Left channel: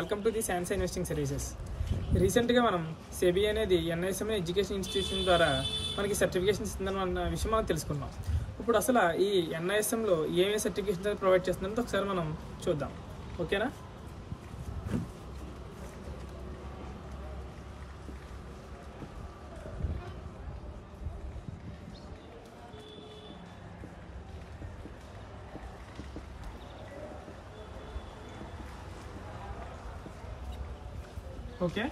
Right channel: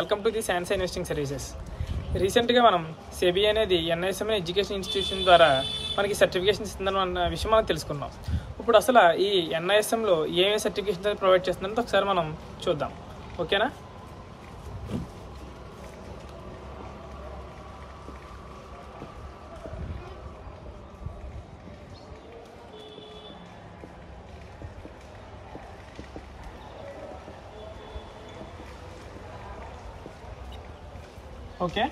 Welcome to the Sansa investing services. రీసెంట్గా మనం SEBI అనేది ఎన్ఐఎస్ఎం ఎడ్యుకేషన్ ఇన్స్టిట్యూషన్ ద్వారా మనకి సర్టిఫికేషన్ ఇస్తుందన్న విషయం మనం తెలుసుకున్నాం. ఇప్పుడు అసలు ఈ ఎన్ఐఎస్ఎంలో ఏమేమి సర్టిఫికేషన్ ప్రొవైడ్ చేస్తుందంటే ఒకసారి మనం చూద్దాం. ఓకేనా? ఓకే,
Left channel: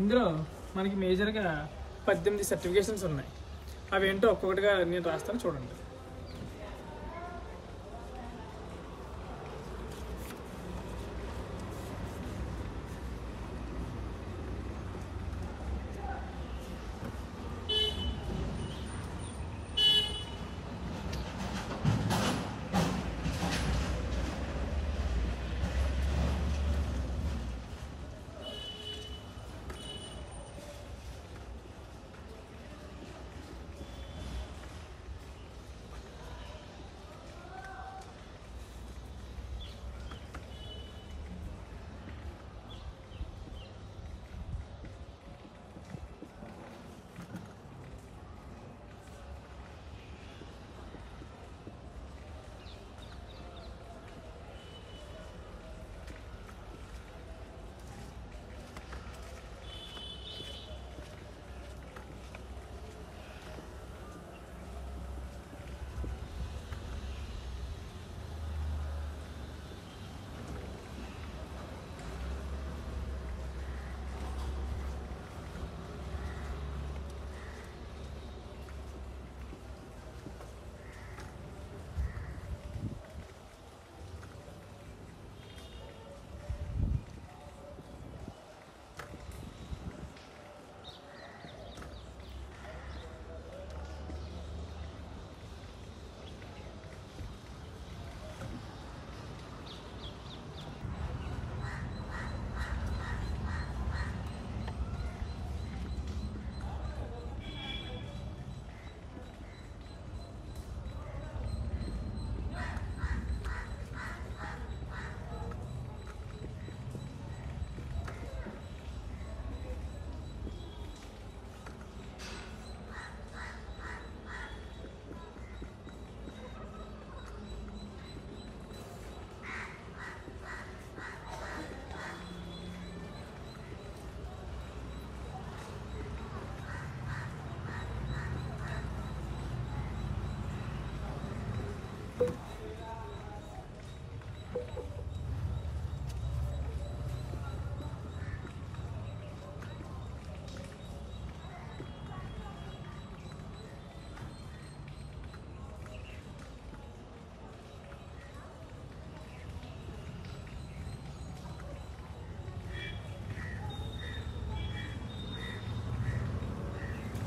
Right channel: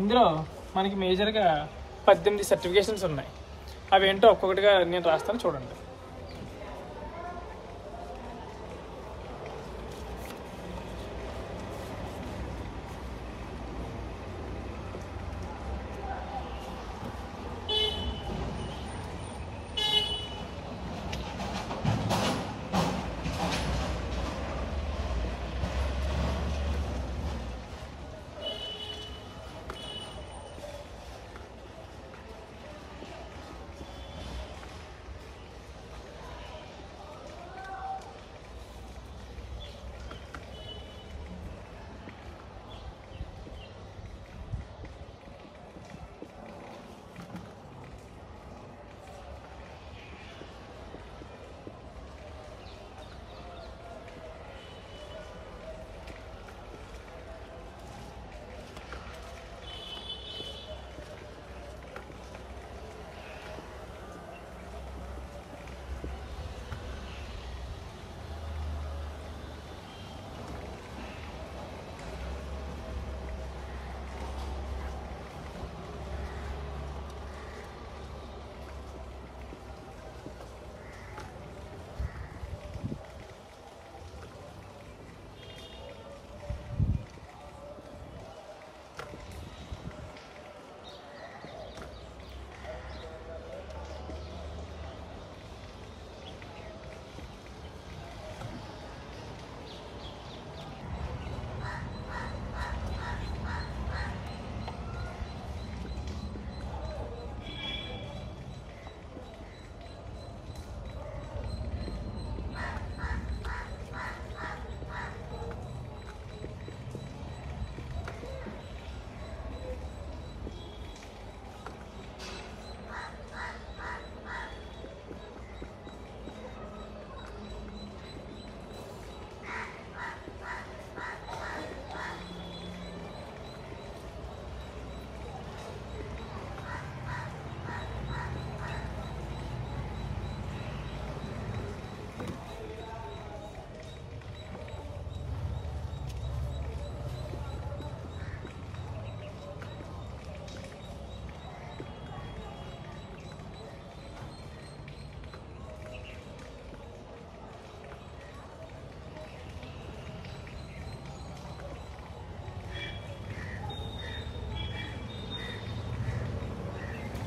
ఇందులో మనకి మేజర్గా 18 సర్టిఫికేషన్స్ ఉన్నాయి. అవి ఏంటో ఒక్కొక్కటిగా నేను రాస్తాను, చూడండి.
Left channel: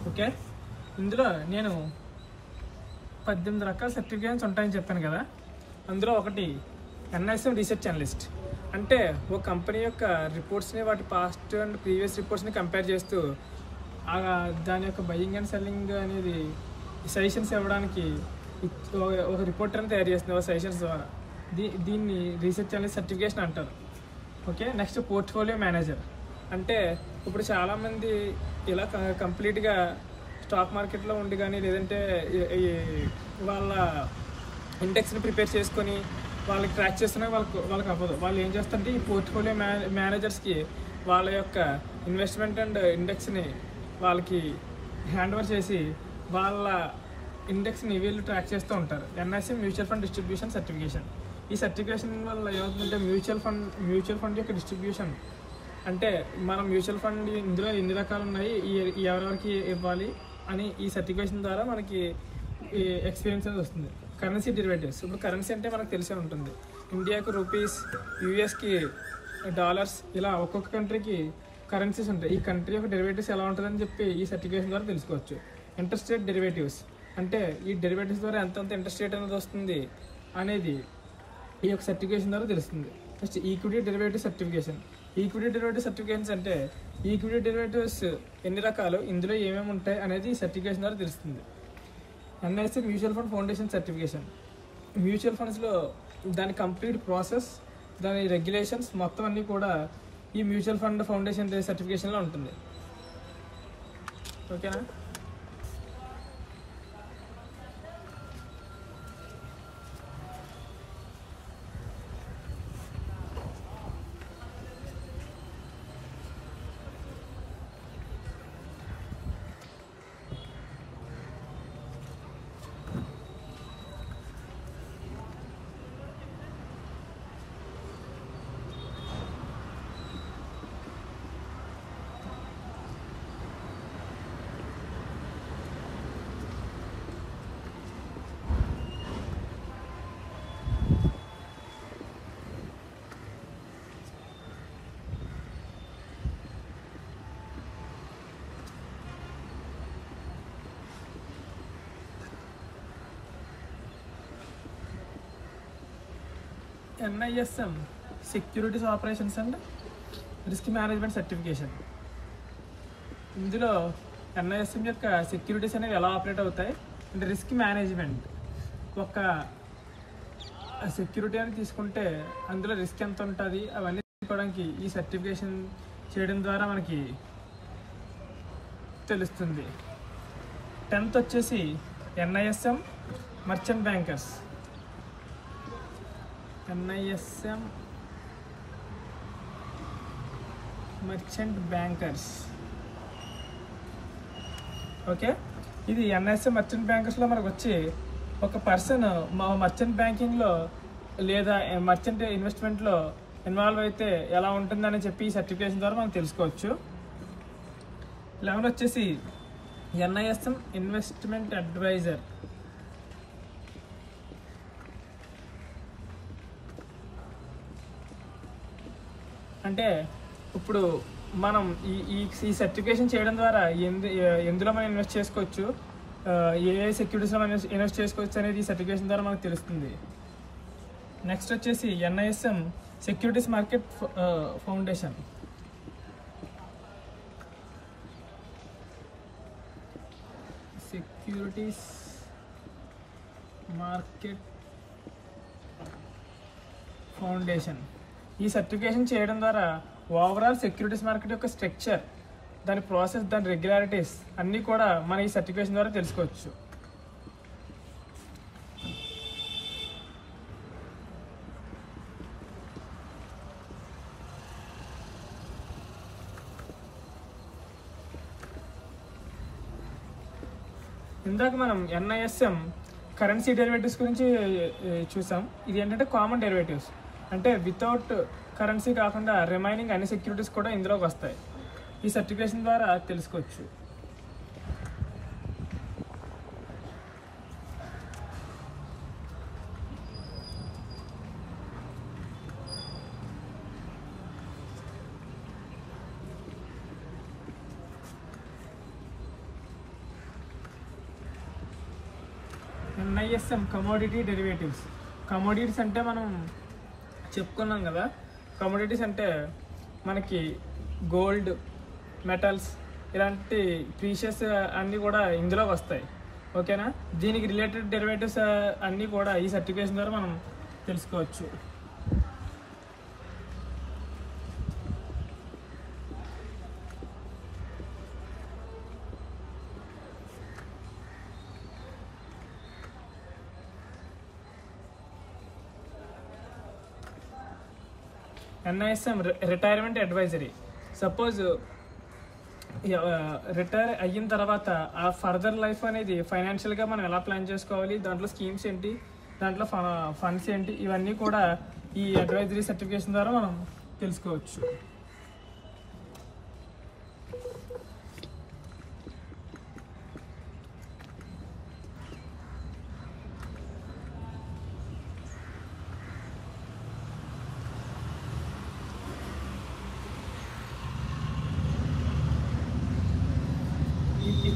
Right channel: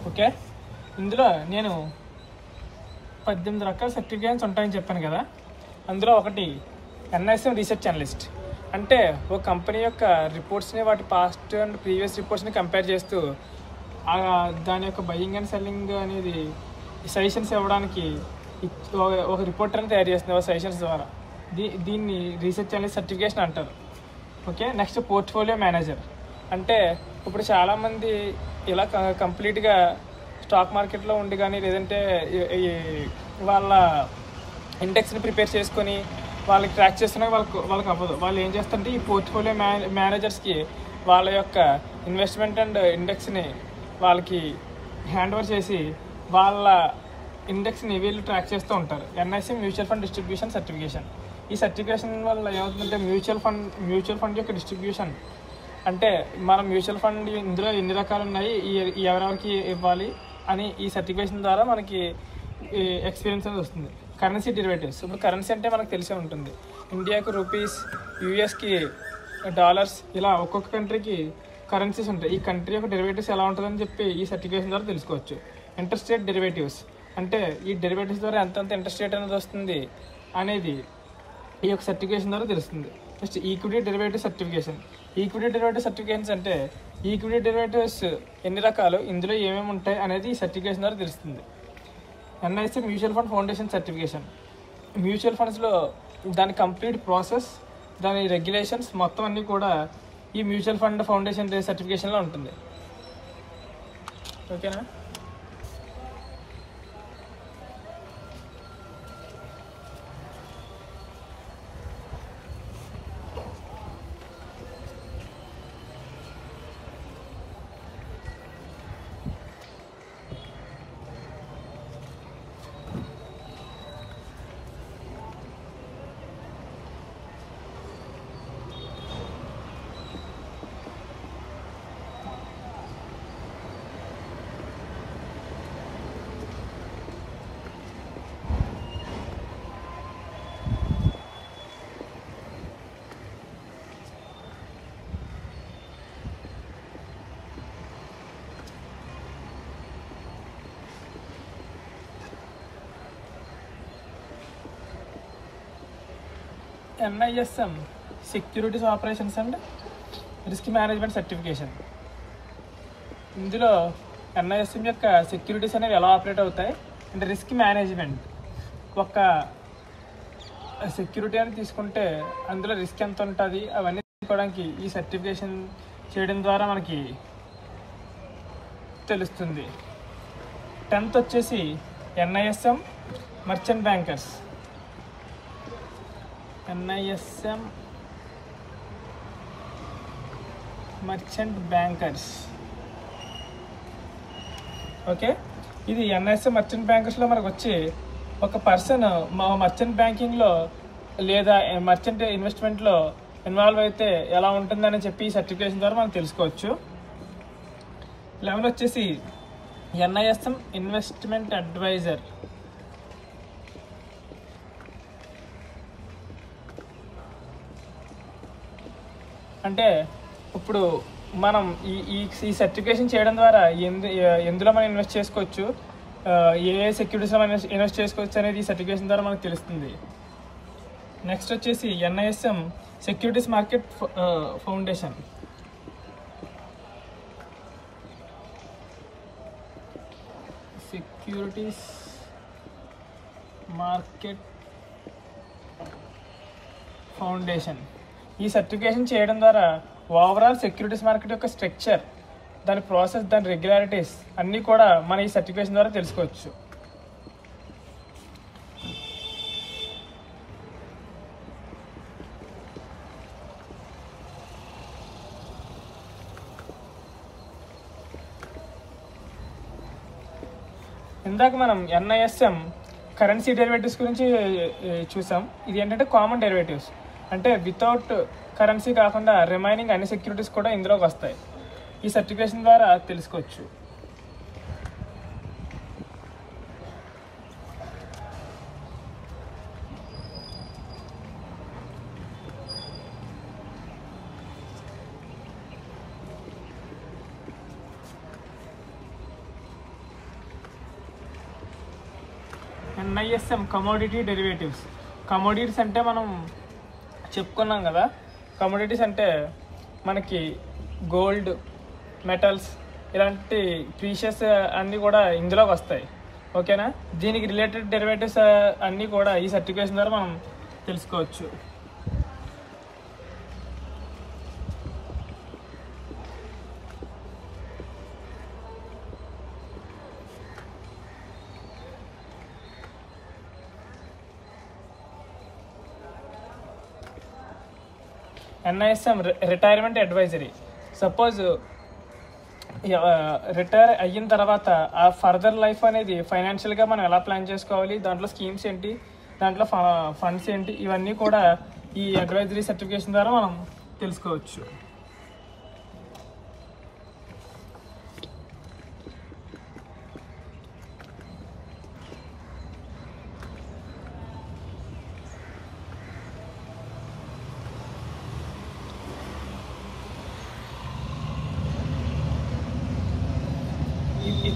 ఓకే, ఇందులో నేను 18 రకాల సర్టిఫికేషన్స్ ఉంటాయని చెప్పాను కదా. అందులో ఒకటి ఎన్ఐఎస్ఎం రీసెర్చ్ అనలిస్ట్. అంటే ఒక కంపెనీ యొక్క రిపోర్ట్స్ని, వాటి పాస్ట్ అండ్ ప్రీవియస్ రిపోర్ట్స్ని కంపేర్ చేస్తూ దాని యొక్క బయింగ్ అండ్ సెల్లింగ్ అనేది సజెషన్స్ ఇవ్వడానికి ఒక రిపోర్టర్ని తయారు చేస్తుంది ఒక సజెషన్స్ ద్వారా. దీన్ని రీసెర్చ్ అనలిస్ట్ సర్టిఫికేషన్ అంటారు. Okay, next portfolio manager. అంటే ఇప్పుడు చాలామంది ఇలా కంప్లీట్గా స్టాక్ మార్కెట్లో ఉండి కానీ, లేదంటే వాళ్ళ ఇండెక్స్ని ప్రిపేర్ చేసుకొని వాళ్ళకి ట్రాక్ చేస్తున్నా వాళ్ళకి అవ్వదు. వాళ్ళు ఏం చేస్తారంటే ఈ పోర్ట్ఫోలియో మేనేజర్స్కి వాళ్ళ యొక్క ఇన్వెస్ట్మెంట్ అండ్ ఇండెక్స్ని వాళ్ళకి హ్యాండ్ ఓవర్ చేసి వాళ్ళ ఇండెక్స్ని వీళ్ళు ట్రాక్ చేస్తూ ఉంటారు. NISM mutual fund distribution certification. ఈ సర్టిఫికేషన్ వల్ల ఏమవుతుందంటే మ్యూచువల్ ఫండ్ యొక్క డిస్ట్రిబ్యూషన్, అంటే మనం మ్యూచువల్ ఫండ్ ఇందులో ఎన్ని రకాలు ఉన్నాయి, ఎవరెవరికి ఇవ్వాలి అని ఈ సర్టిఫికేషన్ ద్వారా మనకి ఎక్స్పీరియన్స్ అనేది వస్తుంది. Currency derivatives. ఇప్పుడు కరెన్సీ అంటే మనకు తెలిసే ఉంటుంది. ఇండియాకు రూపీస్, యూఎస్కి డాలర్స్, ఇలా ఒక్కొక్క కంట్రీకి కరెన్సీస్ ఉంటాయి. ఈ కంట్రీ యొక్క డెరివేటివ్స్ ఎలా ఉంటుందని చెప్పి ఈ సర్టిఫికేషన్ ద్వారా తెలుసుకోవచ్చు. Interest rate derivatives. అంటే ఈ డెరివేటివ్స్ ద్వారా ఎంతంత ఇంట్రెస్ట్ రేట్ అనేది వస్తుంది అనేది ఈ యొక్క సర్టిఫికేషన్ ద్వారా తెలుస్తుంది. Next equity derivative certification. Equity derivative certifications అంటే ఈక్విటీ డెరివేటివ్స్ ఎన్ని రకాలు, ఇందులో ఏమేమి ఉంటాయి అనేది ఈ సర్టిఫికేషన్ ద్వారా తెలుస్తుంది. NISM mutual fund foundation certification. Mutual ఫండ్స్లో దాని కంప్లీట్ ప్రాసెస్, దాని రెగ్యులేషన్స్ మొత్తం అన్నీ కూడా ఈ మ్యూచువల్ ఫండ్ ఫౌండేషన్ సర్టిఫికేషన్లో ఉంటుంది. ఓకేనా? NISM securities operations and risk management certification. ఇందులో NISM యొక్క సెక్యూరిటీస్ అనేవి ఎలా ఆపరేట్ అవుతాయి అంటే రిస్క్ మేనేజ్మెంట్. ఒక సెక్యూరిటీ అని తీసుకుంటే అందులో రిస్క్ ఎంత ఉంటుంది అవన్నీ తీసుకోవడానికి ఈ సర్టిఫికేషన్ చేయడం ద్వారా మనకి తెలుస్తుంది. 10th వచ్చేసి NISM merchant bankers. NISM merchant bankers. Okay, ఇది NISM మర్చెంట్ బ్యాంకర్స్లో మనకు వచ్చి ఒక పర్సన్ మా మర్చెంట్ బ్యాంకింగ్లో లేదా మర్చెంట్ ఇన్వెస్ట్మెంట్లో ఇన్వాల్వ్ అయితే ఎలా ఉంటుందని చెప్పి ఈ సర్టిఫికేషన్ ద్వారా మనం తెలుసుకోవచ్చు. 11 వచ్చేసి NISM ఇన్వెస్ట్మెంట్ అడ్వైజర్. అంటే ఇప్పుడు మనం ఈ సర్టిఫికేషన్ చేయడం ద్వారా ఎందులో మనం ఇన్వెస్ట్ చేసుకోవచ్చు, ఏ సెక్యూరిటీస్లో మనం ఇన్వెస్ట్ చేసుకోవచ్చు అనేది ఈ సర్టిఫికేషన్ ద్వారా మనకు తెలుస్తుంది. నెక్స్ట్ వచ్చేసి NISM securities market foundation. Securities market foundation. ఈ సర్టిఫికేషన్ చేయడం ద్వారా ఓవరాల్ సెక్యూరిటీస్ మార్కెట్ యొక్క స్ట్రక్చర్, దాని ప్రాసెస్, దాని రెగ్యులారిటీస్ అన్నీ కూడా మన ఈ సర్టిఫికేషన్ ద్వారా తెలుసుకోవచ్చు. ఇందాక మనం NISM కరెన్సీ డెరివేటివ్స్ గురించి చూసాం. ఇది ఏంటంటే కామన్ డెరివేటివ్స్, అంటే వితౌట్ కరెన్సీ కాకుండా రిమైనింగ్ అన్ని సెక్యూరిటీస్ కూడా ఇందులోకి వస్తాయి. ఈ సర్టిఫికేషన్ ద్వారా తెలుసుకోవచ్చు. NISM commodity derivatives. కమోడిటీస్ అంటే మనం చెప్పుకున్నాం కదా, కమోడిటీస్ అంటే మనకి గోల్డ్, మెటల్స్ ఇలాంటి ప్రీషియస్ అన్నీ కూడా ఇందులోకి వస్తాయి. ఓకేనా? దీనికి రిలేటెడ్ డెరివేటివ్స్ అన్నీ కూడా ఈ సర్టిఫికేషన్ ద్వారా మనం తెలుసుకోవచ్చు. NISM retirement advisory. Suppose retire అయిన తర్వాత ఆ ఫర్దర్ లైఫ్ అనేది ఫైనాన్షియల్గా మనం ఎలా ప్లాన్ చేసుకోవాలి, దాంట్లో స్కీమ్స్ ఏంటి, దాంట్లో ఫండ్స్ ఏంటి, ఇవన్నీ కూడా ఈ అడ్వైజరీ సర్టిఫికేషన్ ద్వారా మనం తెలుసుకోవచ్చు.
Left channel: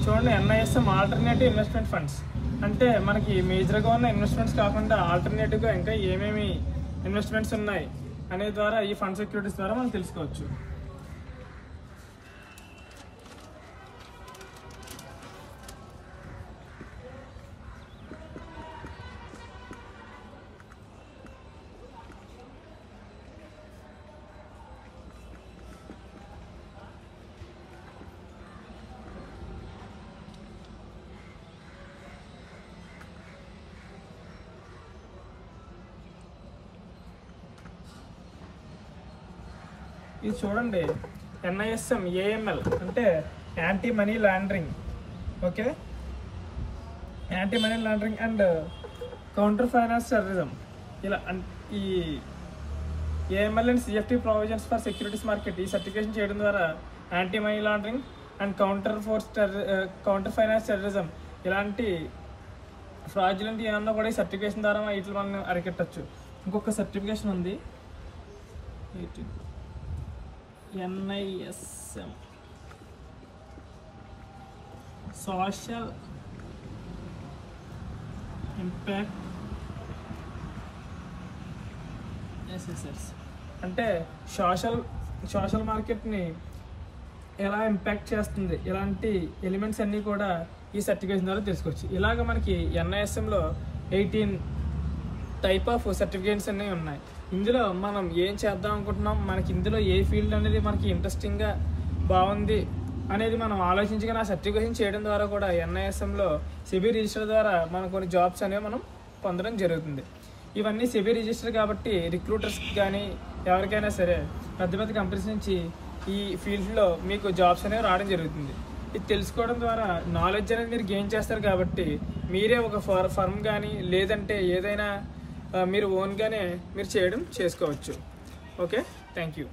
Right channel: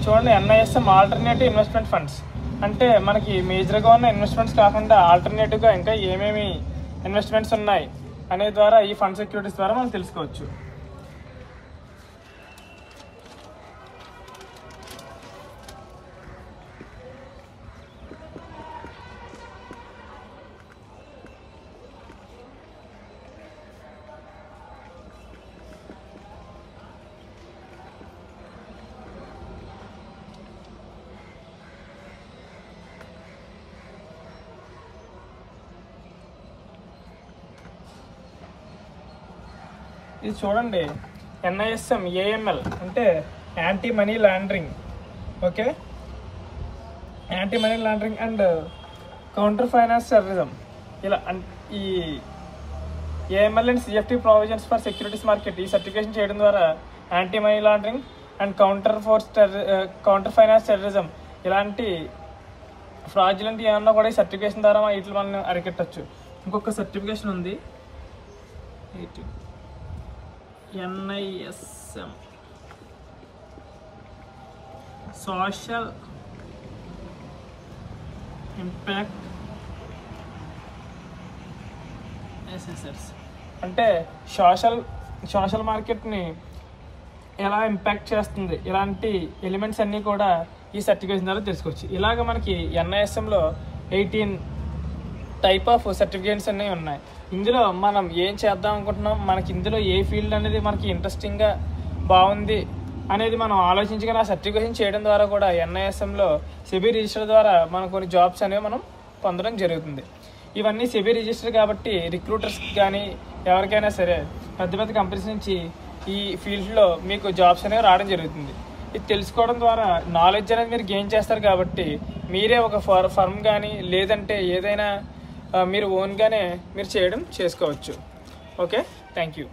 చూడండి, NISM ఆల్టర్నేటివ్ ఇన్వెస్ట్మెంట్ ఫండ్స్. అంటే మనకి మేజర్గా ఉన్న ఇన్వెస్ట్మెంట్స్ కాకుండా ఆల్టర్నేటివ్గా ఇంకా ఏమేమి ఇన్వెస్ట్మెంట్స్ ఉన్నాయి అనే ద్వారా ఈ ఫండ్ సెక్యూరిటీస్ ద్వారా మనం తెలుసుకోవచ్చు. ఇది చూడండి, NISM AML అంటే anti money laundering. Okay, anti money laundering and counter finance terrorism. ఇలా ఈ AML and CFT provisions for securities market ఈ సర్టిఫికేషన్ చేయడం ద్వారా anti money laundering and counter finance terrorism ఇలాంటి ఫ్రాడ్యులెంట్ ఏమన్నా కూడా ఈ సర్టిఫికేషన్ ద్వారా వీటిని మనం అరికట్టచ్చు. ఇంకొక సర్టిఫికేషన్ ఉంది, NISM సోషల్ ఇంపాక్ట్ అసెసర్స్ అంటే సోషల్ మార్కెట్ని ఎలా ఇంపాక్ట్ చేస్తుంది, ఇలాంటి ఎలిమెంట్స్ అన్నీ కూడా ఈ సర్టిఫికేషన్ ద్వారా తెలుసుకోవచ్చు. ఇలాగ మనకి NISMలో 18 టైప్ ఆఫ్ సర్టిఫికేట్స్ అన్నీ ఉన్నాయి. ఇందులో మనం ఏం చేద్దాం అనుకుంటున్నాం, మనకి ఇందులో ఏ ఫీల్డ్ అనేది మనకి ఇంట్రెస్టింగ్గా బాగుంది అనేది మనం ఆలోచించుకొని ఆ సర్టిఫికేషన్ చేయడం ద్వారా కూడా NISMలో సెబీ రిజిస్టర్ ద్వారా మనం కొన్ని జాబ్స్ అనేవి మనం పొందడం జరుగుతుంది. ఇవన్నీ సెబీ రిజిస్టర్ కాబట్టి రిక్రూటర్స్కి కానీ ఎవరికైనా సరే పెద్ద పెద్ద కంపెనీస్ నుంచి ఈ ఫీల్డ్లో మీకు జాబ్స్ అనేవి రావడం జరుగుతుంది. ఇది తెలుసుకోవడం ద్వారా నాలెడ్జ్ అనేది మీరు గెయిన్ చేస్తారు కాబట్టి మీరే ఒక ఫర్మ్ కానీ లేదంటే ఏదైనా మీరు ఓన్గానే మీరు చేసుకోవచ్చు. Okay, thank you.